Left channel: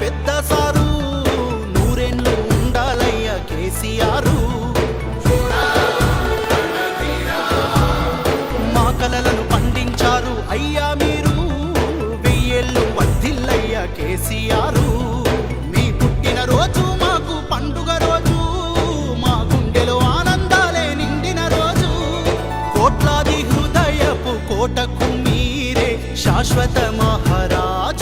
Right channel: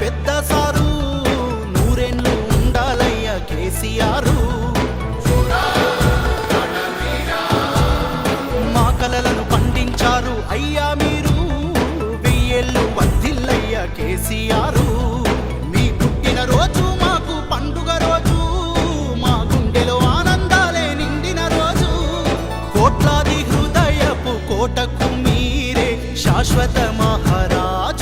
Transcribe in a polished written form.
పెద్ద సారు, నూరేళ్ళు ఉండాలయ్యా కేసీఆర్. మా కలలను పండించారు అయ్యా మీరు, వెయ్యేళ్ళు వర్ధిల్లయ్యా కేసీఆర్. మీ పుట్టిన రోజు మాకు పండుగ రోజు, మా గుండెలో ఆనందాలే నిండిన రోజు. కోట్లాది హృదయపు కోటకు మీరే శాశ్వత మహారాజు.